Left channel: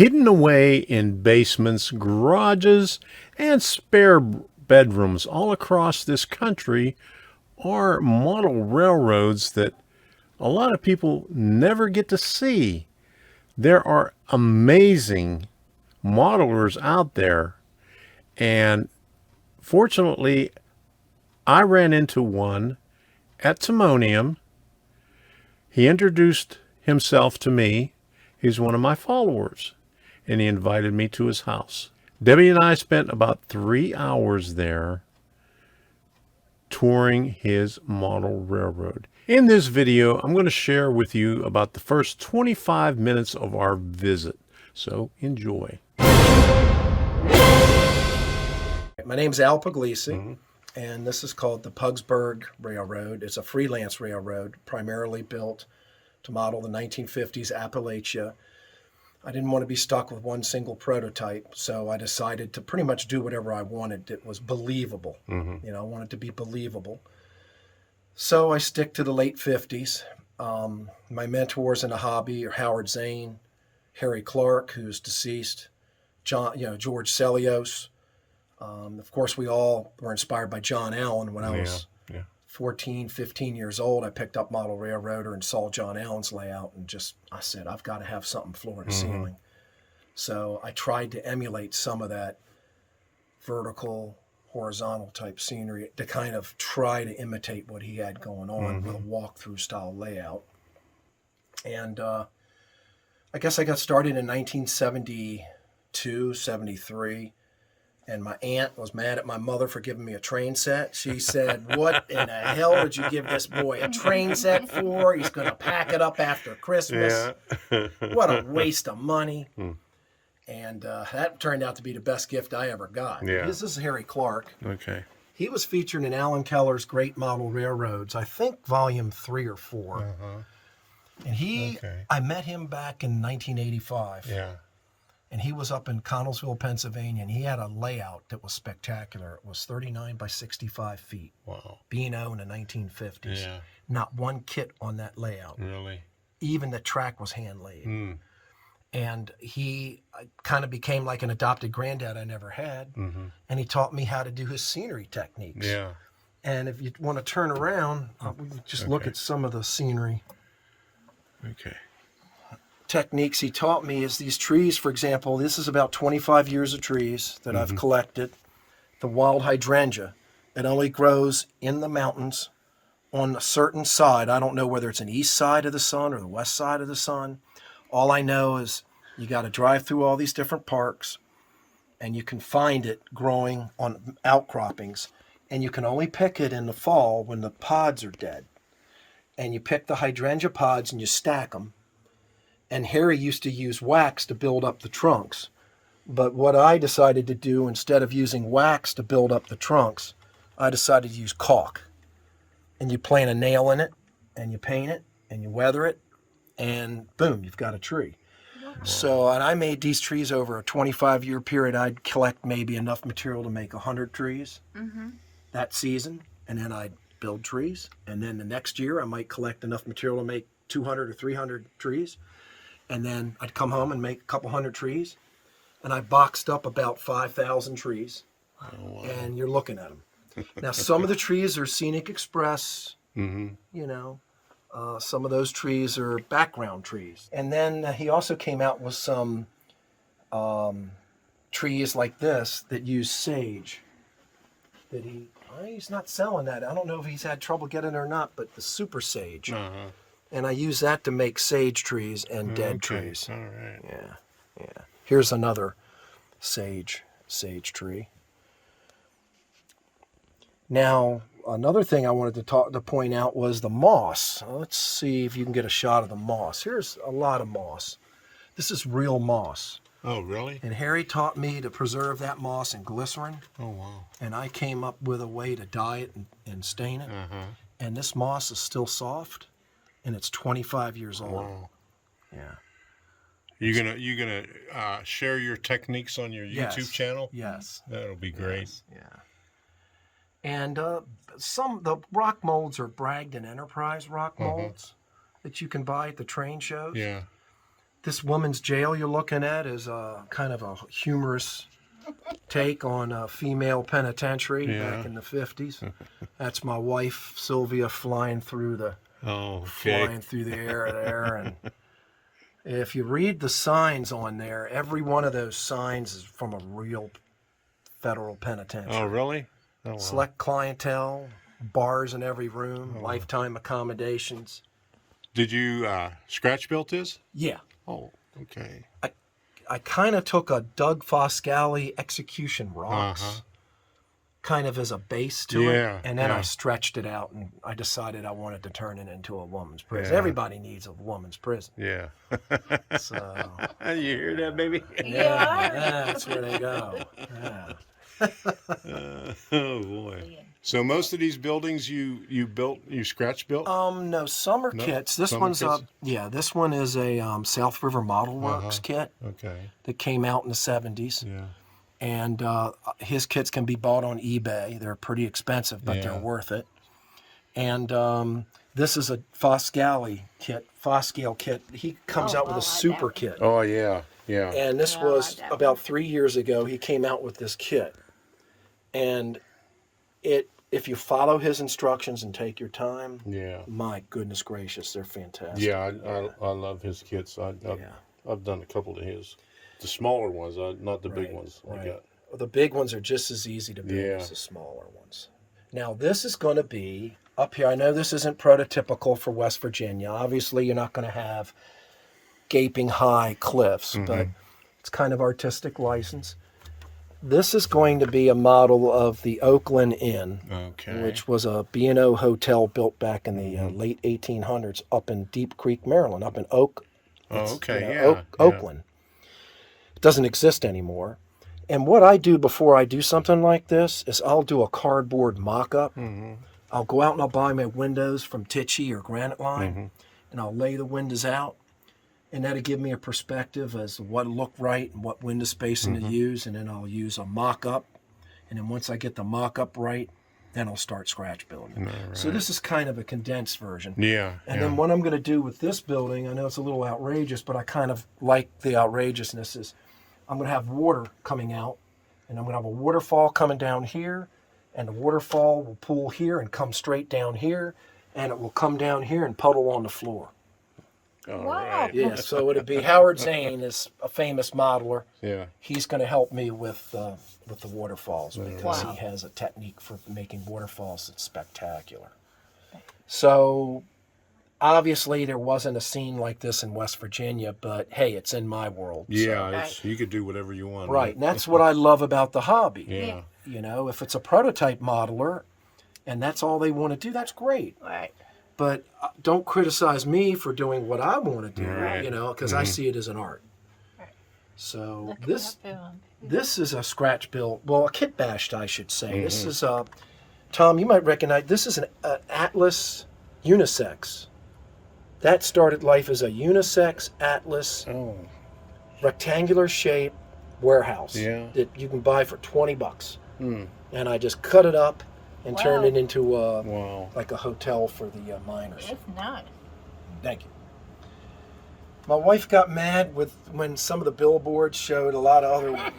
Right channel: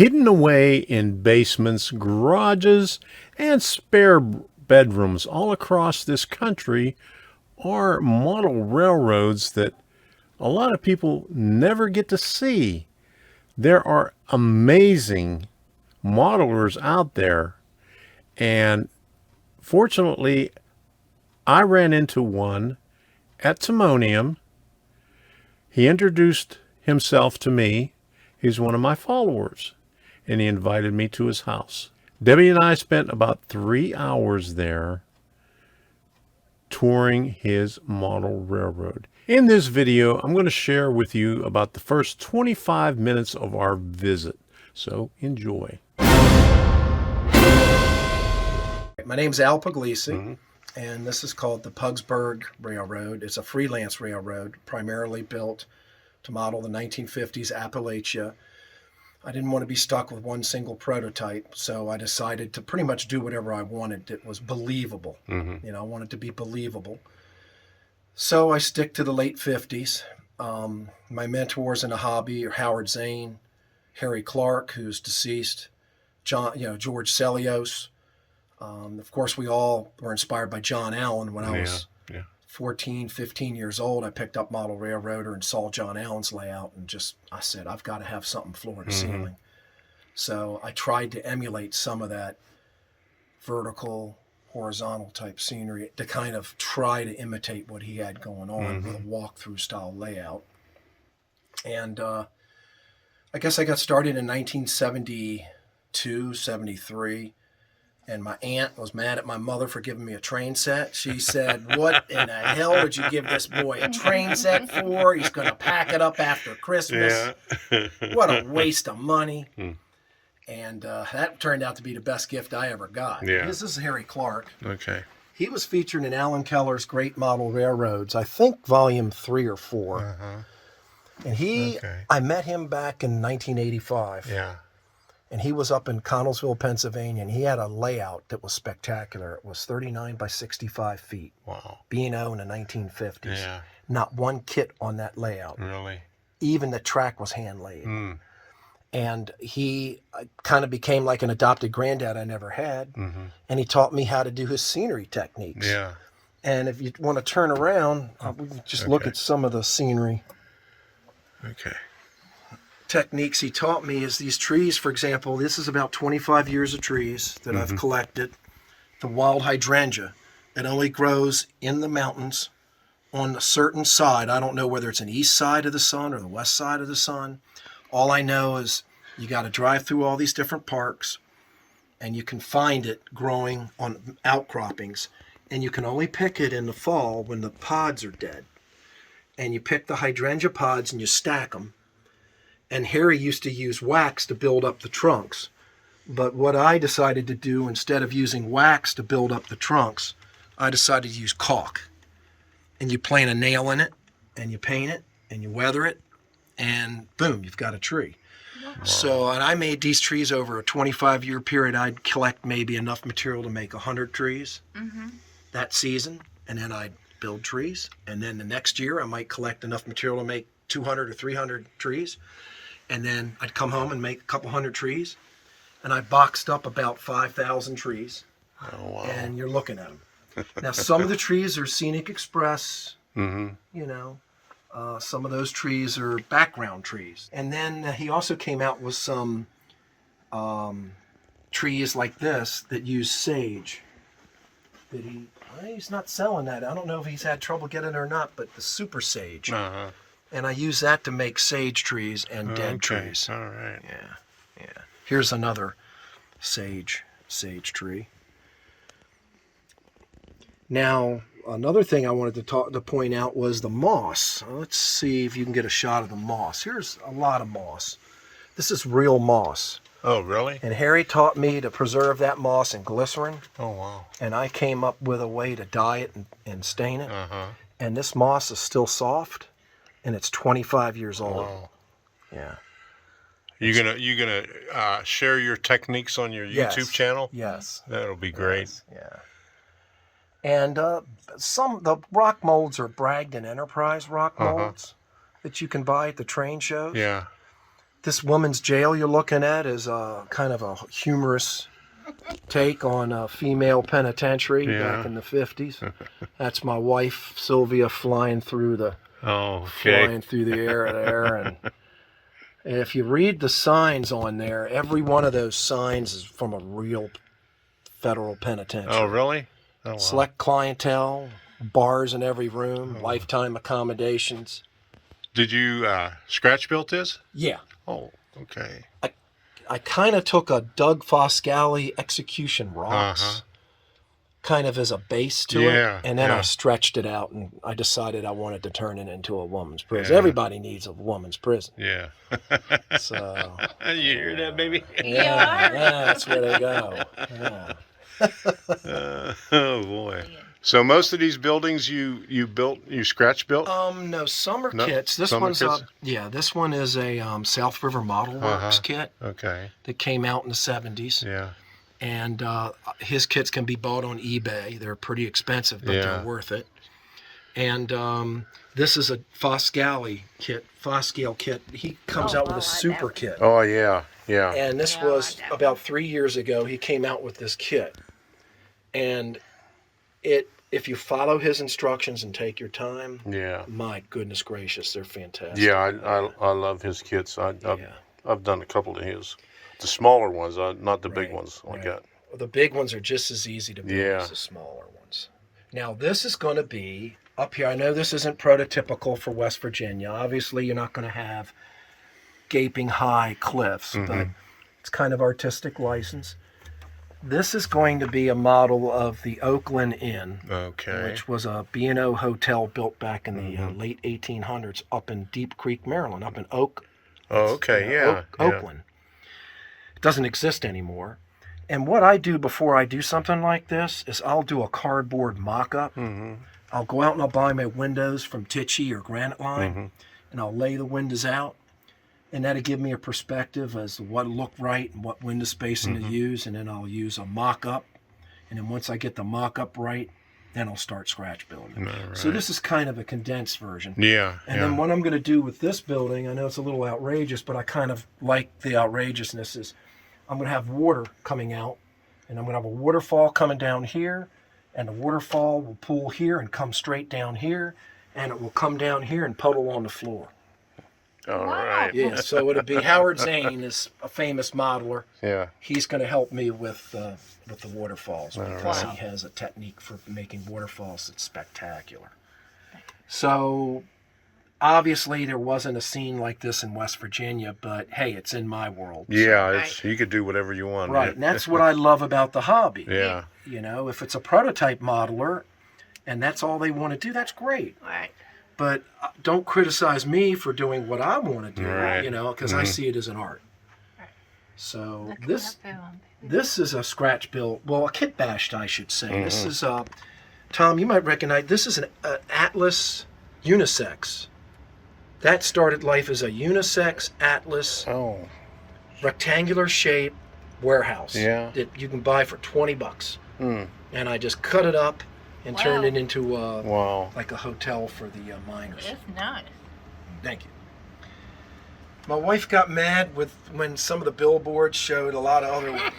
Hidden away in basements, garages, and spare bedrooms all across this country are model railroads that a lot of people never get to see. There are amazing modelers out there, and fortunately, I ran into one at Timonium. He introduced himself to me. He's one of my followers, and he invited me to his house. Debbie and I spent about 3 hours there touring his model railroad. In this video, I'm going to share with you about the first 25 minutes of our visit. So enjoy. My name's Al Pugliese, and this is called the Pugsburg Railroad. It's a freelance railroad, primarily built to model the 1950s Appalachia. I didn't want to be stuck with one single prototype, so I decided to pretty much do whatever I wanted that was believable. You know, I wanted to be believable. So I stick to the late 50s. My mentors in the hobby are Howard Zane, Harry Clark, who's deceased, George Celios. Of course, we all were inspired by John Allen. When I was 14, 15 years old, I picked up Model Railroader and saw John Allen's layout and I said, I've got to have something floor to ceiling. So I tried to emulate some of that vertical, horizontal type scenery to kind of try to imitate what he had going on with a walkthrough style layout. And I guess I got started in 1972, 73. And my aunt was mad at my mother for giving me a train set. She said, what in the hell would you give this boy a train set for? He's going to pack it up after Christmas. What a waste of money. And that turned out to be the best gift I ever got. This is Harry Clark. Okay. He was featured in Alan Keller's Great Model Railroads, I think volume 3 or 4. And I met him back in 1985. And he was up in Connellsville, Pennsylvania, and he had a layout that was spectacular. It was 39 by 65 feet. Wow. B&O in the 1950s. Not one kit on that layout. Really? Even the track was hand laid. And he kind of became like an adopted granddad I never had. And he taught me how to do his scenery techniques. And if you want to turn around, we can just look at some of the scenery. Techniques he taught me is these trees, for example. This is about 25 years of trees that I've collected. The wild hydrangea. It only grows in the mountains on a certain side. I don't know whether it's an east side of the sun or the west side of the sun. All I know is you got to drive through all these different parks, and you can find it growing on outcroppings. And you can only pick it in the fall when the pods are dead. And you pick the hydrangea pods and you stack them. And Harry used to use wax to build up the trunks. But what I decided to do, instead of using wax to build up the trunks, I decided to use caulk. And you plant a nail in it, and you paint it, and you weather it, and boom, you've got a tree. Wow. So, and I made these trees over a 25-year period. I'd collect maybe enough material to make 100 trees that season, and then I'd build trees. And then the next year, I might collect enough material to make 200 or 300 trees. And then I'd come home and make a couple hundred trees. And I boxed up about 5,000 trees. Oh, wow. And you're looking at them. Now, some of the trees are Scenic Express. You know, some of those trees are background trees. And then he also came out with some trees like this that use sage. That he's not selling that. I don't know if he's had trouble getting it or not, but the super sage. And I use that to make sage trees and dead trees. All right. Yeah. Here's another sage tree. Now, another thing I wanted to point out was the moss. Let's see if you can get a shot of the moss. Here's a lot of moss. This is real moss. Oh, really? And Harry taught me to preserve that moss in glycerin. Oh, wow. And I came up with a way to dye it and stain it. And this moss is still soft. And it's 25 years old. Wow. Yeah. You gonna share your techniques on your YouTube channel? Yes. That'll be great. Yeah. And the rock molds are Bragdon Enterprise rock molds that you can buy at the train shows. Yeah. This woman's jail you're looking at is kind of a humorous take on a female penitentiary back in the 50s. That's my wife, Sylvia, flying through the air there. And if you read the signs on there, every one of those signs is from a real federal penitentiary. Oh, really? Oh, wow. Select clientele, bars in every room, lifetime accommodations. Did you scratch built this? Yeah. Oh, okay. I kind of took a Doug Foscali execution rocks kind of as a base to it, and then I stretched it out, and I decided I wanted to turn it into a woman's prison. Everybody needs a woman's prison. Yeah. So you hear that, baby? Yeah, that's where they go. Yeah. Oh boy. So most of these buildings you scratch built? No, summer kits. This one's this one is a South River Model Works kit. Okay. That came out in the 70s. Yeah. And his kits can be bought on eBay. They're pretty expensive, but they're worth it. And this is a Foscali kit. He comes out with a super kit. Oh yeah, yeah. And this was about 3 years ago. He came out with this kit, and if you follow his instructions and take your time, my goodness gracious, they're fantastic. Yeah, I love his kits. I've done a couple of his. The smaller ones, not the big ones like that. The big ones are just as easy to build as the smaller ones. Now, this is going to be up here. I know this isn't prototypical for West Virginia. Obviously, you're not going to have gaping high cliffs, but it's kind of artistic license. This is going to be a model of the Oakland Inn, which was a B&O hotel built back in the late 1800s up in Deep Creek, Maryland, up in Oakland. It doesn't exist anymore. And what I do before I do something like this is I'll do a cardboard mock-up. I'll go out and I'll buy my windows from Tichy or Granite Line, and I'll lay the windows out. And that'll give me a perspective as to what look right and what window spacing to use. And then I'll use a mock-up. And then once I get the mock-up right, then I'll start scratch building. Right. So this is kind of a condensed version. And then what I'm going to do with this building, I know it's a little outrageous, but I kind of like the outrageousness, is I'm going to have water coming out, and I'm going to have a waterfall coming down here, and the waterfall will pool here and come straight down here, and it will come down here and puddle on the floor. All right. Yeah, so it'll be Howard Zane is a famous modeler. Yeah. He's going to help me with the waterfalls because he has a technique for making waterfalls that's spectacular. So obviously there wasn't a scene like this in West Virginia, but hey, it's in my world. Yeah, you could do whatever you want. Right, and that's what I love about the hobby. Yeah. You know, if it's a prototype modeler and that's all they want to do, that's great. Right. But don't criticize me for doing what I want to do, right. you know, because I see it as an art. Right. So this is a scratch built, well, a kit bashed, I should say. This is, Tom, you might recognize, this is an Atlas unisex. That started life as a unisex Atlas rectangular shape warehouse that you can buy for $20. And I just cut it up and turned it into like a hotel for the miners. It's nice. Thank you. My wife got mad when some of the billboards showed a lot of other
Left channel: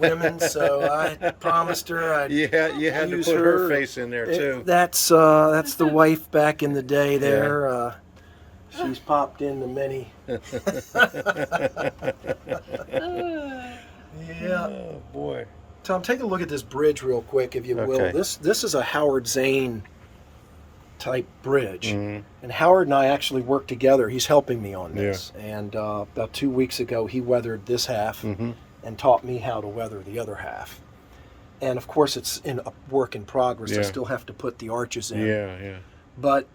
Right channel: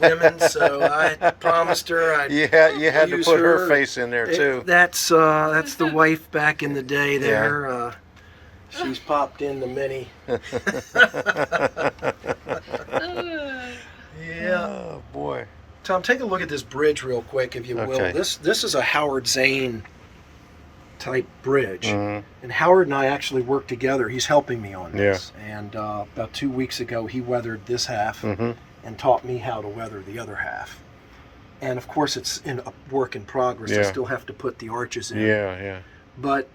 women, so I promised her I'd you had to put her face in there too. That's the wife back in the day there. She's popped in the many. Oh boy. Tom, take a look at this bridge real quick, if you will. This is a Howard Zane type bridge. And Howard and I actually work together. He's helping me on this. And about 2 weeks ago, he weathered this half and taught me how to weather the other half. And of course, it's in a work in progress. I still have to put the arches in. But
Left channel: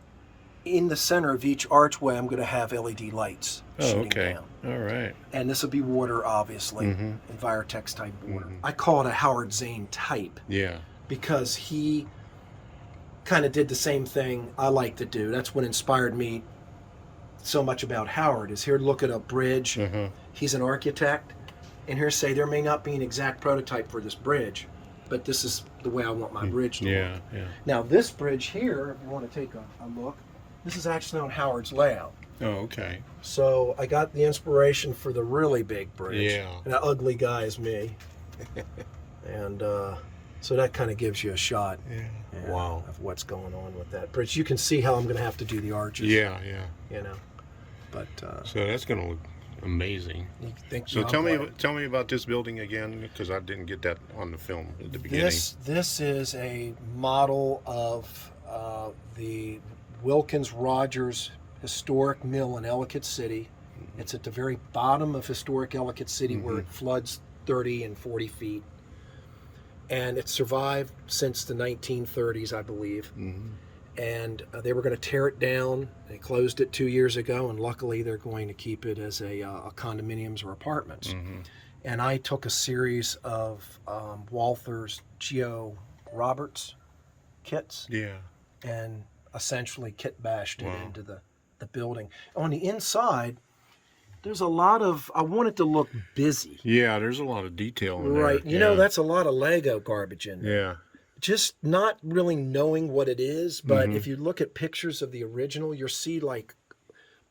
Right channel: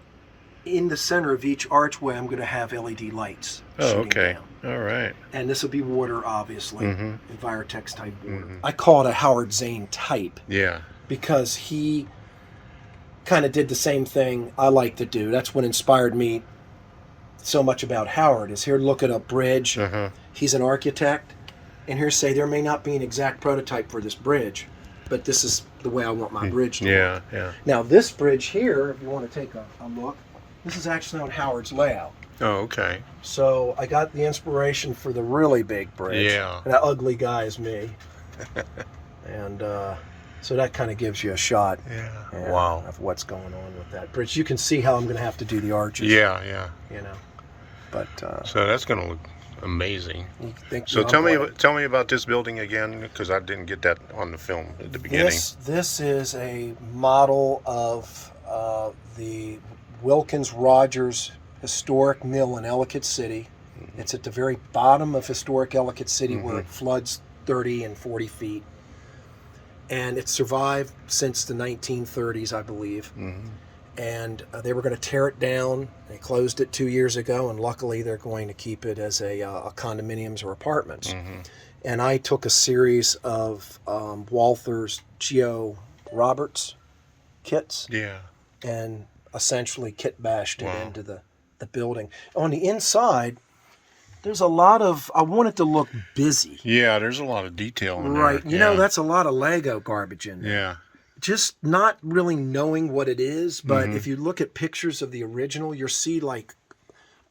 in the center of each archway, I'm going to have LED lights. Down. All right. And this will be water, obviously, Envirotex type water. I call it a Howard Zane type. Yeah. Because he kind of did the same thing I like to do. That's what inspired me so much about Howard, is here look at a bridge. He's an architect. And here say there may not be an exact prototype for this bridge, but this is the way I want my bridge to look. Now this bridge here, if you want to take a look, this is actually on Howard's layout. Oh, okay. So I got the inspiration for the really big bridge. Yeah. And that ugly guy is me. And so that kind of gives you a shot Wow. of what's going on with that bridge. You can see how I'm going to have to do the arches. Yeah, yeah. You know, but So that's going to look amazing. you think, So you know, tell me about this building again, because I didn't get that on the film at the beginning. This is a model of the Wilkins Rogers Historic Mill in Ellicott City. It's at the very bottom of historic Ellicott City where it floods 30 and 40 feet. And it survived since the 1930s, I believe. And they were going to tear it down. They closed it 2 years ago, and luckily they're going to keep it as a condominiums or apartments. And I took a series of Walther's Geo Roberts kits Yeah. and essentially kit bashed it into the building. On the inside, there's a lot of, I want it to look busy. Yeah, there's a lot of detail in there. Right. You know, that's a lot of Lego garbage in there. Yeah. Just not really knowing what it is, but if you look at pictures of the original, you'll see like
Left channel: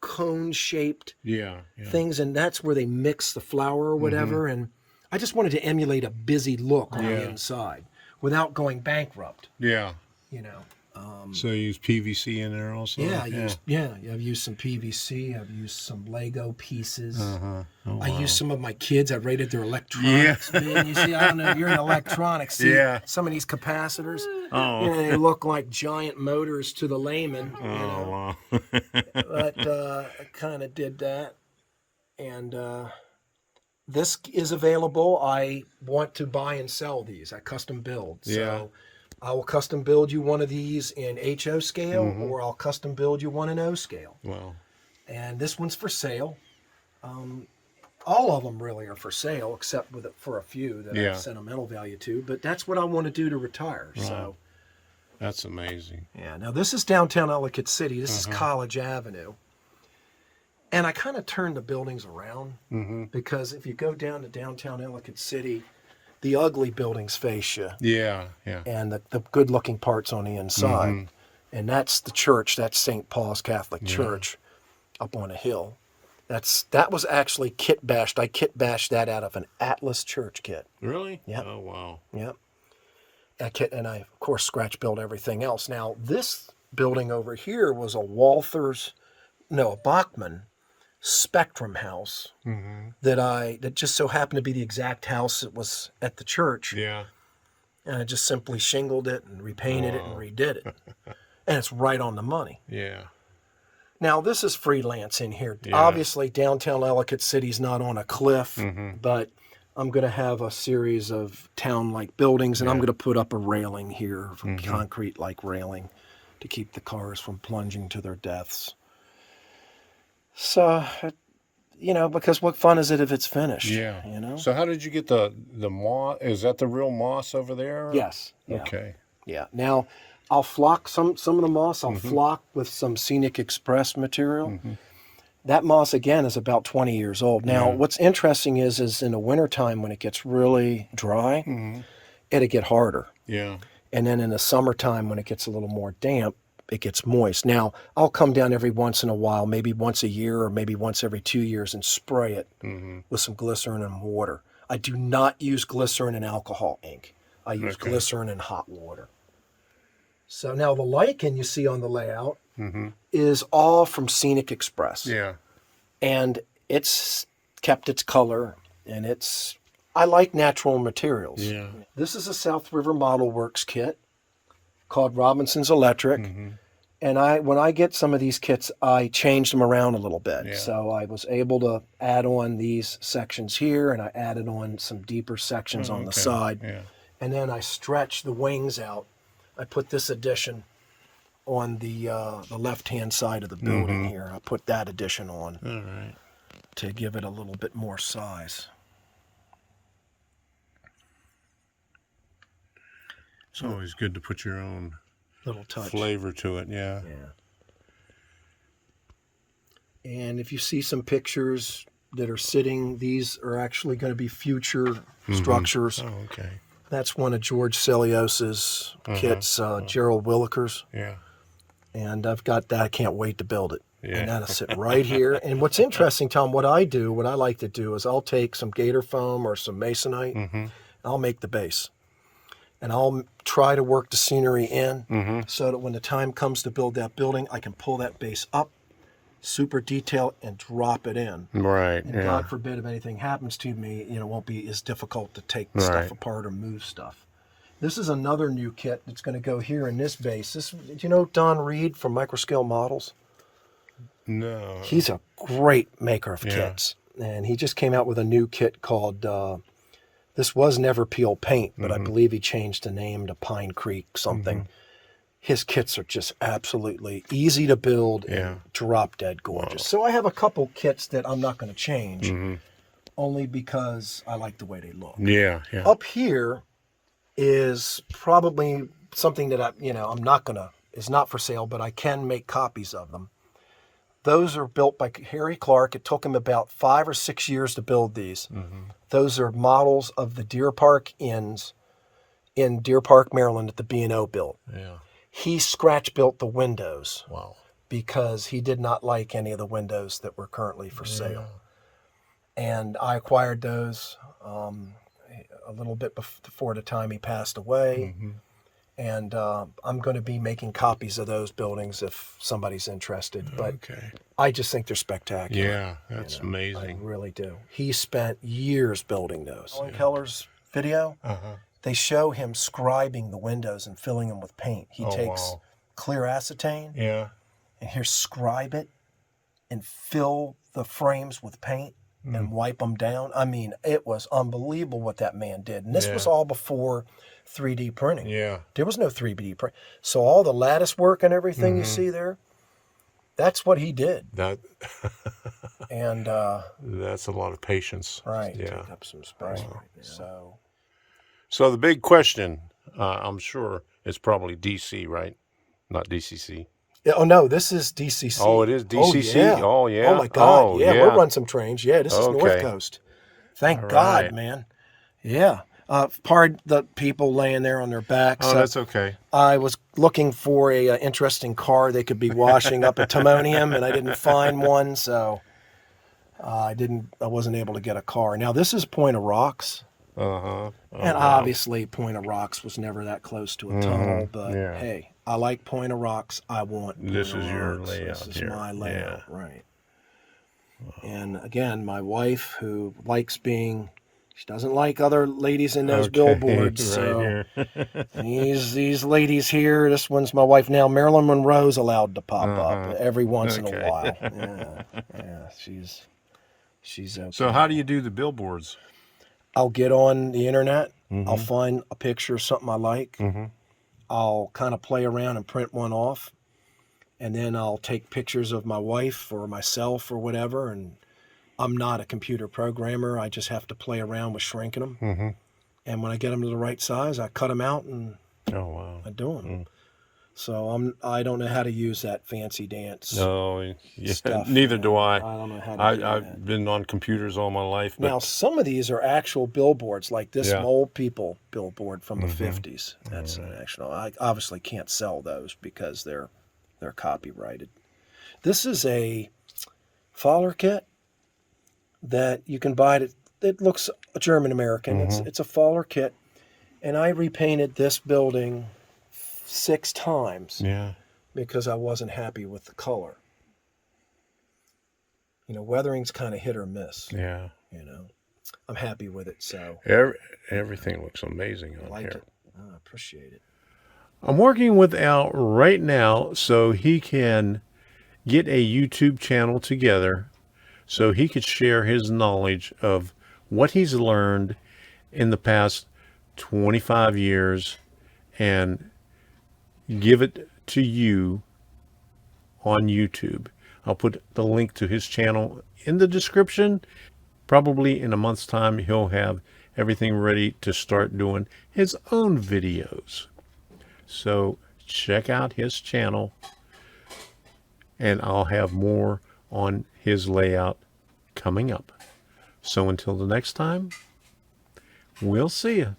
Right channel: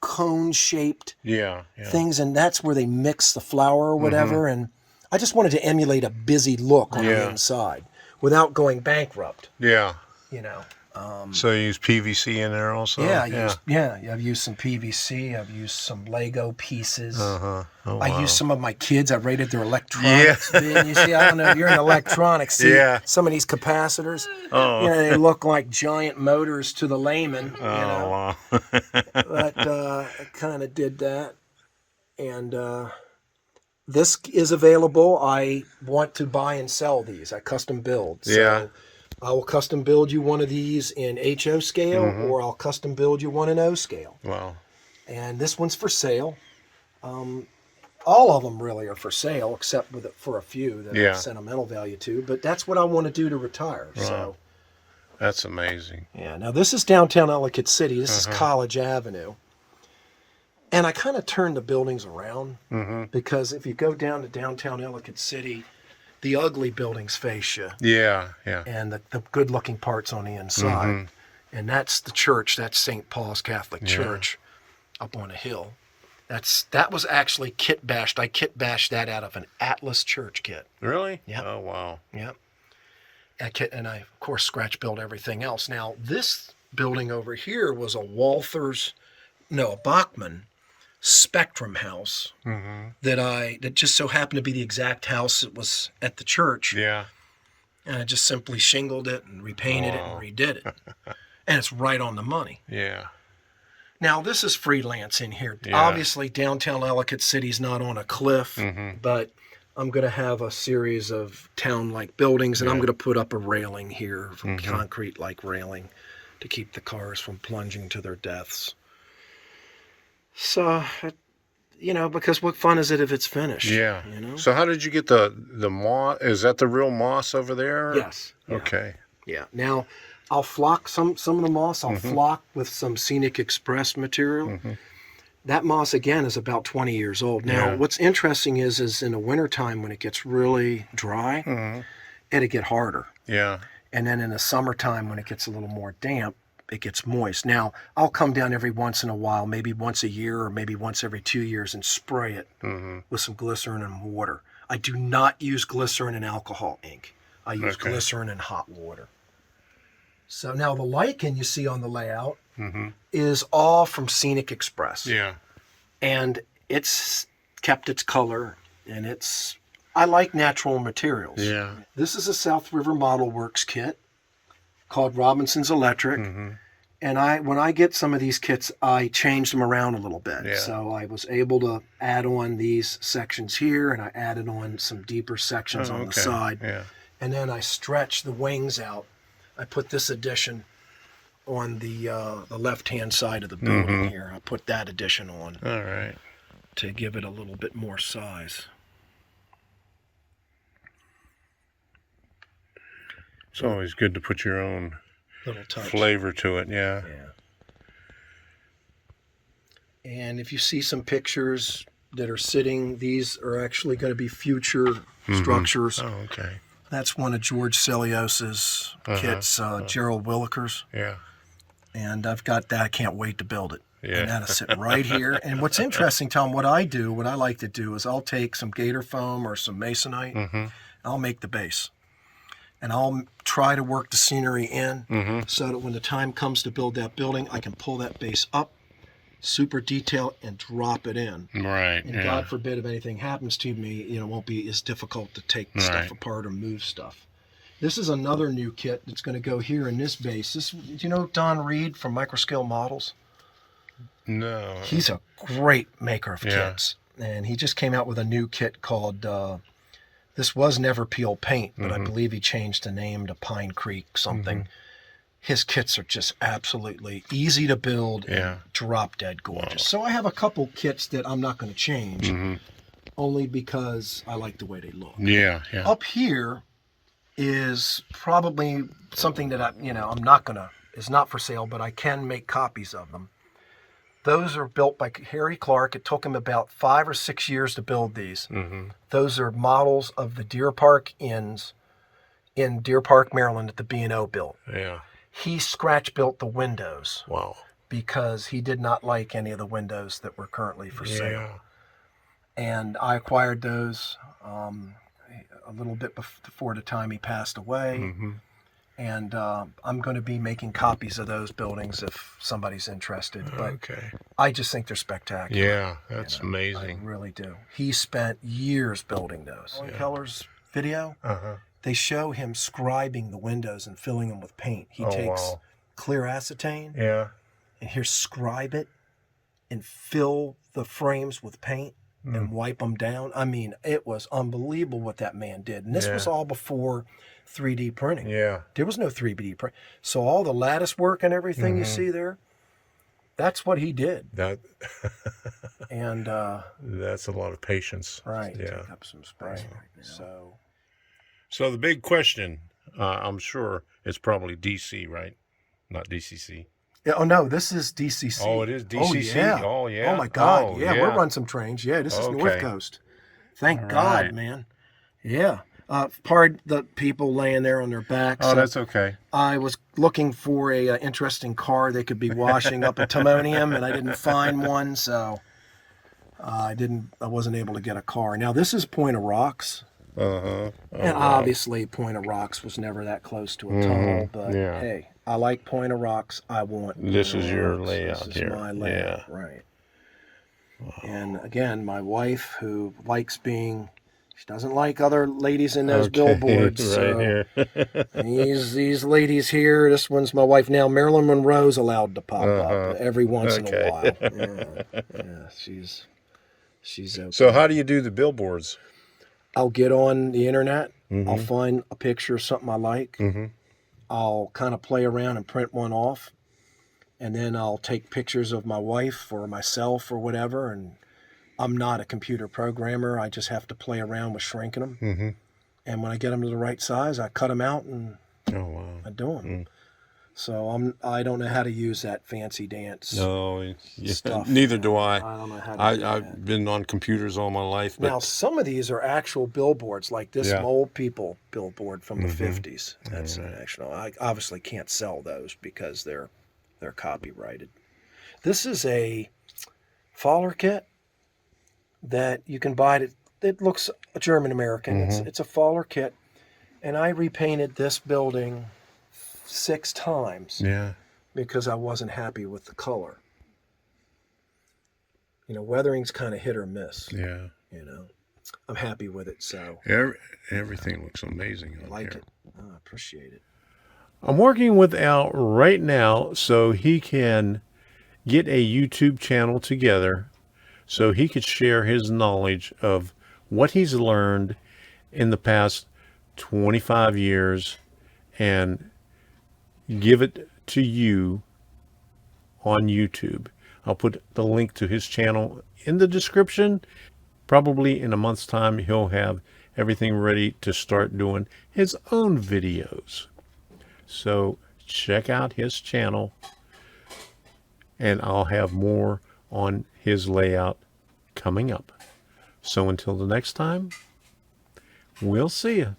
cone-shaped things, and that's where they mix the flour or whatever. And I just wanted to emulate a busy look on the inside without going bankrupt. Yeah. You know. So you use PVC in there also? I've used some PVC. I've used some Lego pieces. Oh, I used some of my kids. I rated their electronics. Yeah. You see, I don't know if you're in electronics. See, some of these capacitors, they look like giant motors to the layman. Wow. But I kind of did that. And this is available. I want to buy and sell these. I custom build. So I will custom build you one of these in HO scale, or I'll custom build you one in O scale. Wow. And this one's for sale. All of them really are for sale, except for a few that have sentimental value to. But that's what I want to do to retire. Wow. So that's amazing. Yeah. Now this is downtown Ellicott City. This is College Avenue. And I kind of turned the buildings around because if you go down to downtown Ellicott City, the ugly buildings face you. Yeah, yeah. And the good-looking parts on the inside. And that's the church. That's St. Paul's Catholic Church up on a hill. That was actually kit bashed. I kit bashed that out of an Atlas church kit. Really? Yeah. Oh, wow. Yep. And I, of course, scratch built everything else. Now, this building over here was a Bachman Spectrum house that just so happened to be the exact house that was at the church. Yeah. And I just simply shingled it and repainted it and redid it. And it's right on the money. Yeah. Now, this is freelance in here. Yeah. Obviously, downtown Ellicott City's not on a cliff, but I'm going to have a series of town-like buildings, and I'm going to put up a railing here, concrete-like railing, to keep the cars from plunging to their deaths. So, because what fun is it if it's finished? Yeah. So how did you get the moss? Is that the real moss over there? Yes. Yeah. Okay. Yeah. Now, I'll flock some of the moss. I'll flock with some Scenic Express material. That moss, again, is about 20 years old. Now, what's interesting is in the wintertime when it gets really dry, it'll get harder. Yeah. And then in the summertime when it gets a little more damp, it gets moist. Now, I'll come down every once in a while, maybe once a year or maybe once every 2 years, and spray it with some glycerin and water. I do not use glycerin and alcohol ink. I use glycerin and hot water. So now the lichen you see on the layout is all from Scenic Express. Yeah. And it's kept its color, and I like natural materials. Yeah. This is a South River Model Works kit called Robinson's Electric. And when I get some of these kits, I change them around a little bit. Yeah. So I was able to add on these sections here, and I added on some deeper sections on the side. Yeah. And then I stretch the wings out. I put this addition on the left-hand side of the building here. I'll put that addition on. All right. To give it a little bit more size. It's always good to put your own little flavor to it, yeah. And if you see some pictures that are sitting, these are actually going to be future structures. Oh, okay. That's one of George Celios's kits, Gerald Willikers. Yeah. And I've got that. I can't wait to build it. And that'll sit right here. And what's interesting, Tom, what I like to do is I'll take some gator foam or some masonite, and I'll make the base. And I'll try to work the scenery in so that when the time comes to build that building, I can pull that base up, super detail, and drop it in. Right. And God forbid if anything happens to me, it won't be as difficult to take stuff apart or move stuff. This is another new kit that's going to go here in this base. Do you know Don Reed from Microscale Models? No. He's a great maker of kits. And he just came out with a new kit called, this was Never Peel Paint, but I believe he changed the name to Pine Creek something. His kits are just absolutely easy to build and drop dead gorgeous. So I have a couple kits that I'm not going to change, only because I like the way they look. Yeah. Up here is probably something that is not for sale, but I can make copies of them. Those are built by Harry Clark. It took him about 5 or 6 years to build these. Those are models of the Deer Park Inns in Deer Park, Maryland that the B&O built. Yeah. He scratch built the windows. Wow. Because he did not like any of the windows that were currently for sale. And I acquired those a little bit before the time he passed away. And I'm going to be making copies of those buildings if somebody's interested. But I just think they're spectacular. Yeah, that's amazing. I really do. He spent years building those. Keller's video, they show him scribing the windows and filling them with paint. He takes clear acetane and here's scribe it and fill the frames with paint and wipe them down. I mean, it was unbelievable what that man did. And this was all before 3D printing. Yeah. There was no 3D print. So all the lattice work and everything you see there, that's what he did. And that's a lot of patience. Right. Yeah. Take up some space right now. So the big question, I'm sure, is probably DC, right? Not DCC. Oh no, this is DCC. Oh, it is DCC. Oh yeah. Oh my God. We'll run some trains. Yeah, this is North Coast. Thank God, man. Yeah. Pardon the people laying there on their backs. Oh, that's okay. I was looking for a interesting car they could be washing up at Timonium, and I didn't find one, so I wasn't able to get a car. Now this is Point of Rocks. And obviously Point of Rocks was never that close to a tunnel, but hey, I like Point of Rocks. I want this is your layout this is here. my layout, right. Wow. And again, my wife, who likes being, she doesn't like other ladies in those billboards. Right so here. these ladies here, this one's my wife now. Marilyn Monroe's allowed to pop up every once in a while. Yeah, she's okay. So how do you do the billboards? I'll get on the internet. I'll find a picture of something I like. I'll kind of play around and print one off. And then I'll take pictures of my wife or myself or whatever. And I'm not a computer programmer. I just have to play around with shrinking them. And when I get them to the right size, I cut them out and I do them. So I don't know how to use that fancy dance. No, stuff. Neither do I. I don't know how to do I've been on computers all my life. But now, some of these are actual billboards, like this Old People billboard from the 50s. That's national. I obviously can't sell those because they're copyrighted. This is a Fowler kit that you can buy. It looks German-American. It's a Fowler kit. And I repainted this building 6 times because I wasn't happy with the color. Weathering's kind of hit or miss. I'm happy with it. So everything looks amazing on I like here. it. I appreciate it. I'm working with Al right now so he can get a YouTube channel together so he could share his knowledge of what he's learned in the past 25 years and give it to you on YouTube. I'll put the link to his channel in the description. Probably in a month's time, he'll have everything ready to start doing his own videos. So check out his channel, and I'll have more on his layout coming up. So until the next time, we'll see you.